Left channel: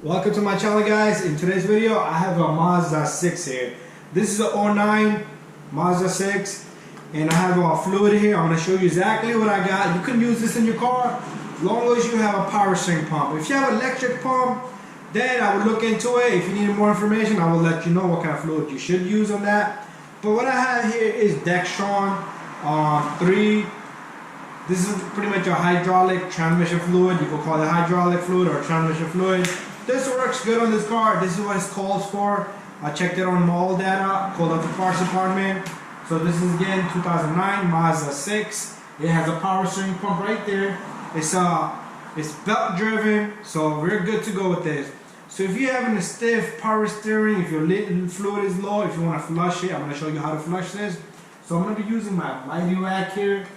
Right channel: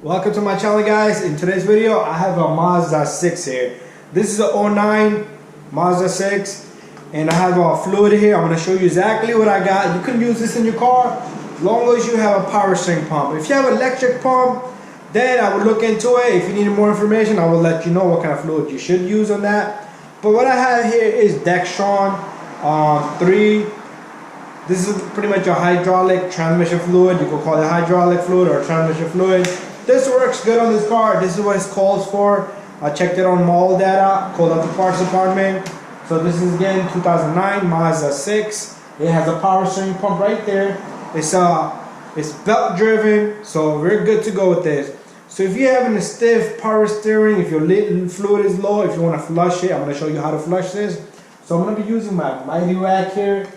Welcome to my channel, guys. In today's video I have a Mazda 6 here. This is a '09 Mazda 6 and I have a fluid here. I'm going to show you exactly what I got. You can use this in your car as long as you have a power steering pump. If you have an electric pump, then I would look into it. If you need more information, I will let you know what kind of fluid you should use on that. But what I have here is Dextron 3. This is pretty much a hydraulic transmission fluid. You can call it hydraulic fluid or transmission fluid. This works good on this car. This is what it calls for. I checked it on mall data, called up the parts department. So this is again 2009 Mazda 6. It has a power steering pump right there. It's belt driven, so we're good to go with this. So if you're having a stiff power steering, if your fluid is low, if you want to flush it, I'm going to show you how to flush this. So I'm going to be using my Mighty Rack here.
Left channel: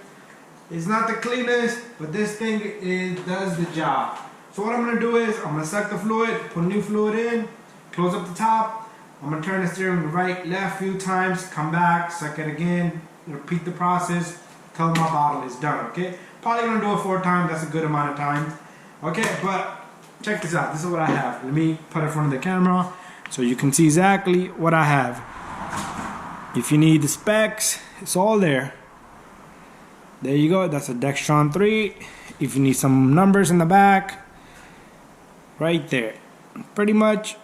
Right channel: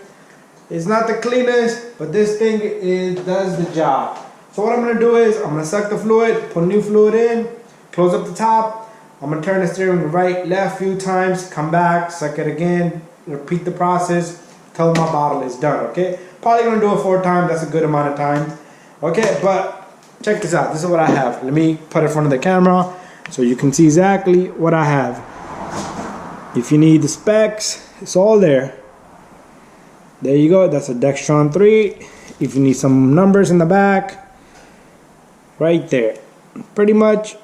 It's not the cleanest, but this thing does the job. So what I'm going to do is, I'm going to suck the fluid, put a new fluid in, close up the top. I'm going to turn the steering right, left a few times, come back, suck it again, repeat the process till my bottle is done, okay? Probably going to do it 4 times, that's a good amount of time. Okay, but check this out. This is what I have. Let me put it in front of the camera so you can see exactly what I have. If you need the specs, it's all there. There you go, that's a Dextron 3. If you need some numbers in the back, right there. Pretty much,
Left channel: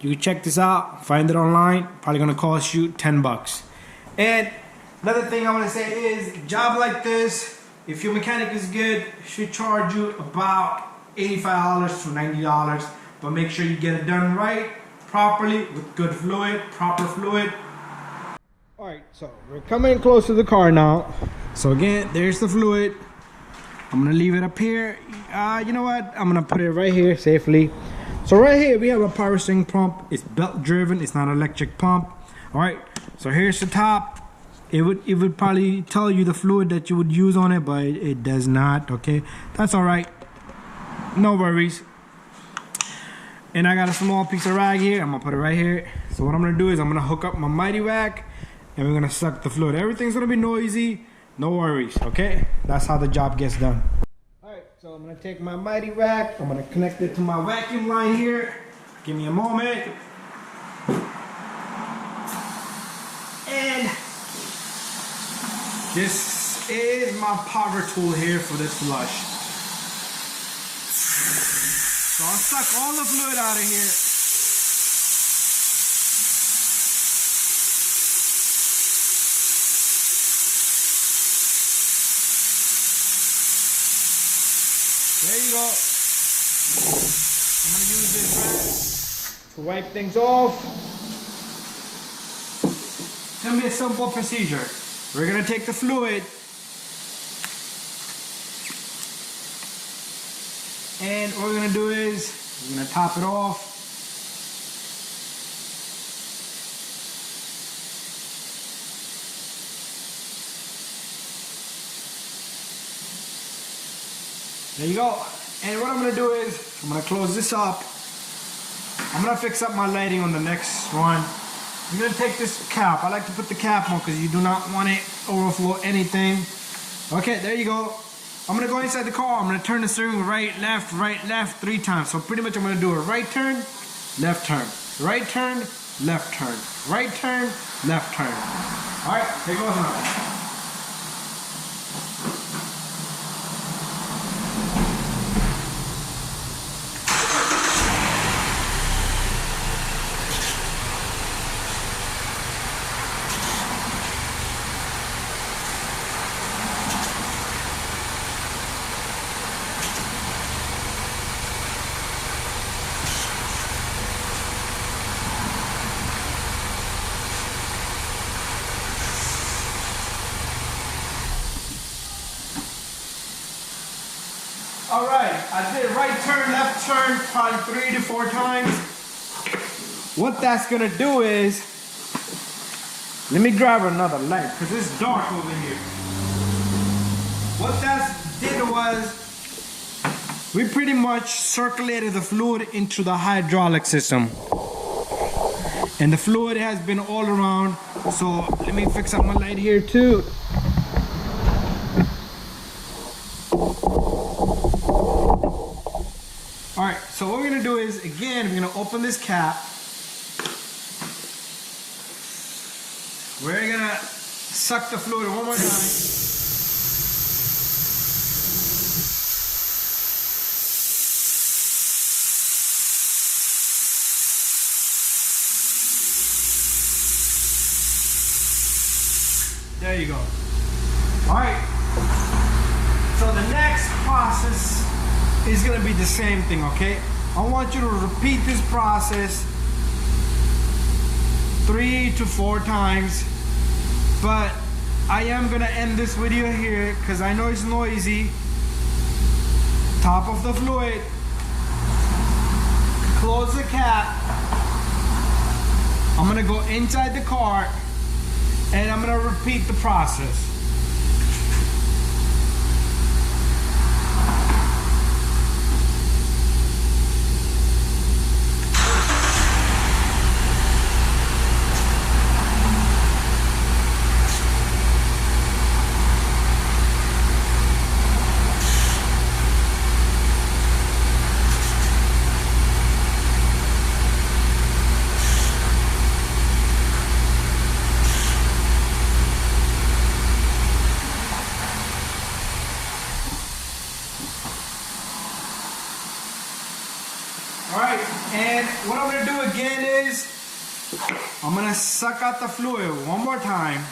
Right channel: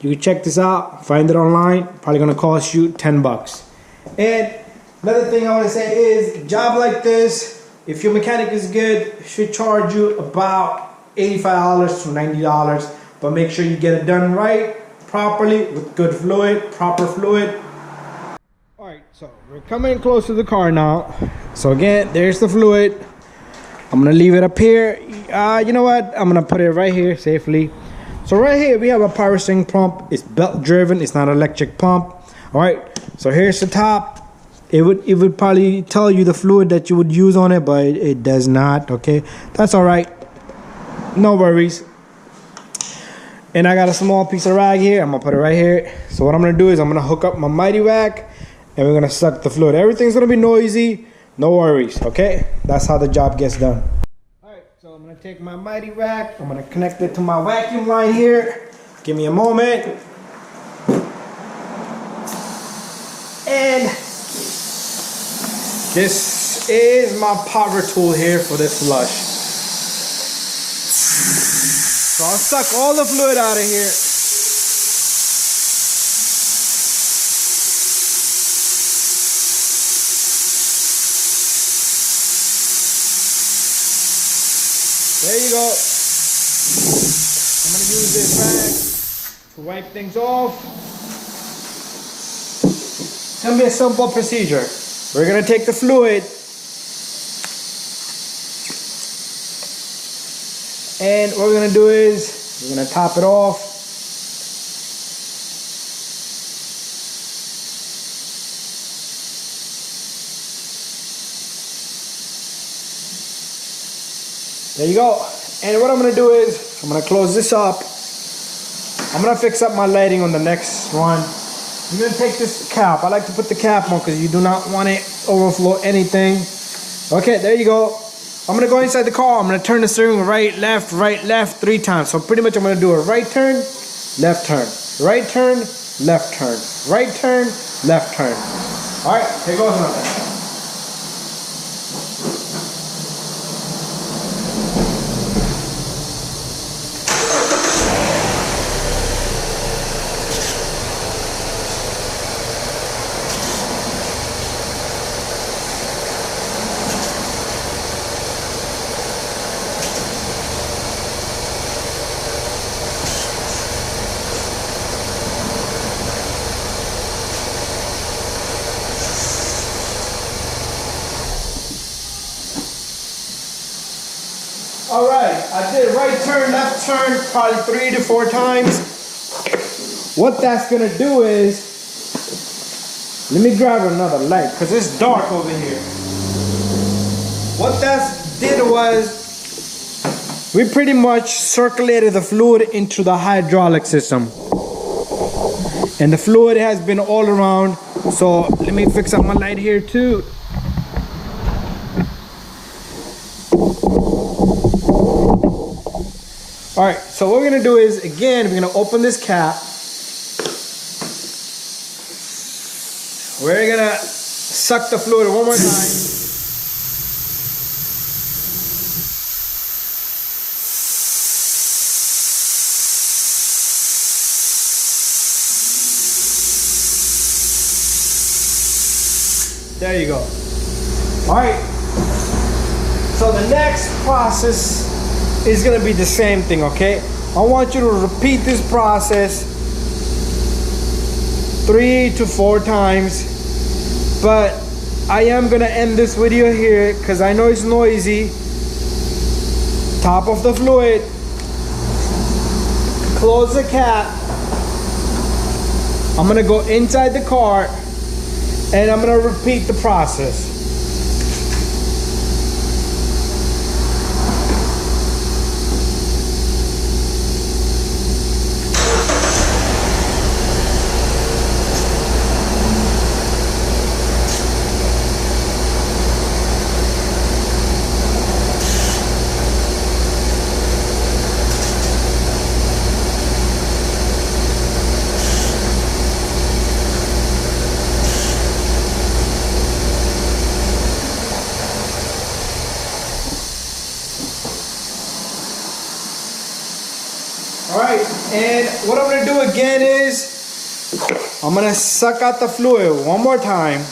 you can check this out, find it online. Probably gonna cost you 10 bucks. And another thing I wanna say is, a job like this, if your mechanic is good, it should charge you about $85 to $90. But make sure you get it done right, properly, with good fluid, proper fluid. Alright, so we're coming close to the car now. So again, there's the fluid. I'm gonna leave it up here. You know what? I'm gonna put it right here safely. So right here we have a power steering pump. It's belt driven, it's not an electric pump. Alright, so here's the top. It would probably tell you the fluid that you would use on it, but it does not, okay? That's alright. No worries. And I got a small piece of rag here. I'm gonna put it right here. So what I'm gonna do is I'm gonna hook up my Mighty Rack and we're gonna suck the fluid. Everything's gonna be noisy, no worries, okay? That's how the job gets done. Alright, so I'm gonna take my Mighty Rack, I'm gonna connect it to my vacuum line here. Give me a moment. And this is my power tool here for this flush. So I'll suck all the fluid out of here. There you go. I'm going to use this rag to wipe things off. It's going to be a simple procedure. We're going to take the fluid and what we're going to do is we're going to top it off. There you go. And what I'm going to do is, I'm going to close this up. I'm going to fix up my lighting on the next one. I'm going to take this cap. I like to put the cap on because you do not want it overflow anything. Okay, there you go. I'm going to go inside the car. I'm going to turn the steering right, left, 3 times. So pretty much I'm going to do a right turn, left turn. Right turn, left turn. Right turn, left turn. Alright, here goes another. Alright, I did right turn, left turn, probably 3 to 4 times. What that's gonna do is, let me grab another light because it's dark over here. What that did was, we pretty much circulated the fluid into the hydraulic system. And the fluid has been all around. So let me fix up my light here too. All right, so what we're gonna do is, again, we're gonna open this cap. We're gonna suck the fluid one more time. There you go. All right. So the next process is gonna be the same thing, okay? I want you to repeat this process 3 to 4 times, but I am gonna end this video here because I know it's noisy. Top of the fluid, close the cap. I'm gonna go inside the car and I'm gonna repeat the process. Alright, and what I'm going to do again is I'm going to suck out the fluid one more time.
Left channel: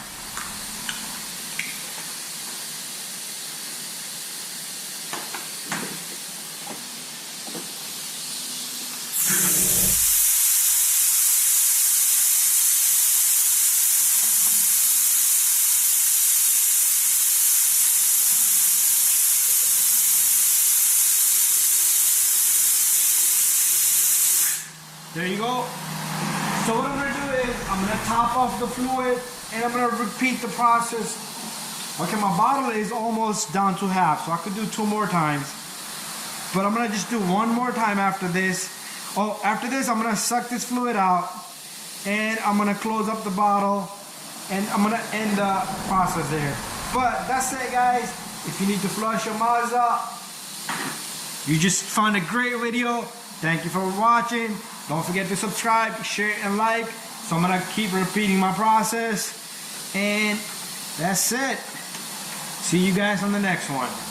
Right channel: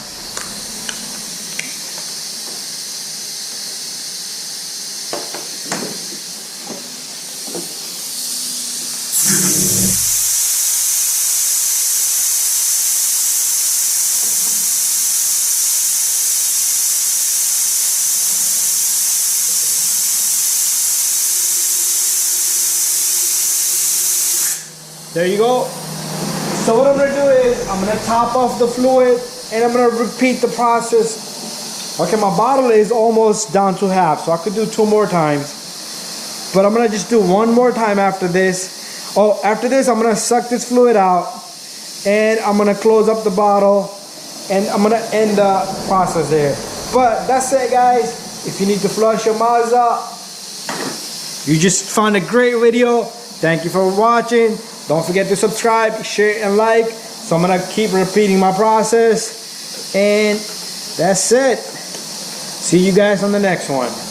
There you go. So what I'm going to do is I'm going to top off the fluid and I'm going to repeat the process. Okay, my bottle is almost down to half, so I could do 2 more times. But I'm going to just do 1 more time after this. Oh, after this, I'm going to suck this fluid out and I'm going to close up the bottle and I'm going to end the process there. But that's it, guys. If you need to flush your Mazda, you just found a great video. Thank you for watching. Don't forget to subscribe, share, and like. So I'm gonna keep repeating my process. And that's it. See you guys on the next one.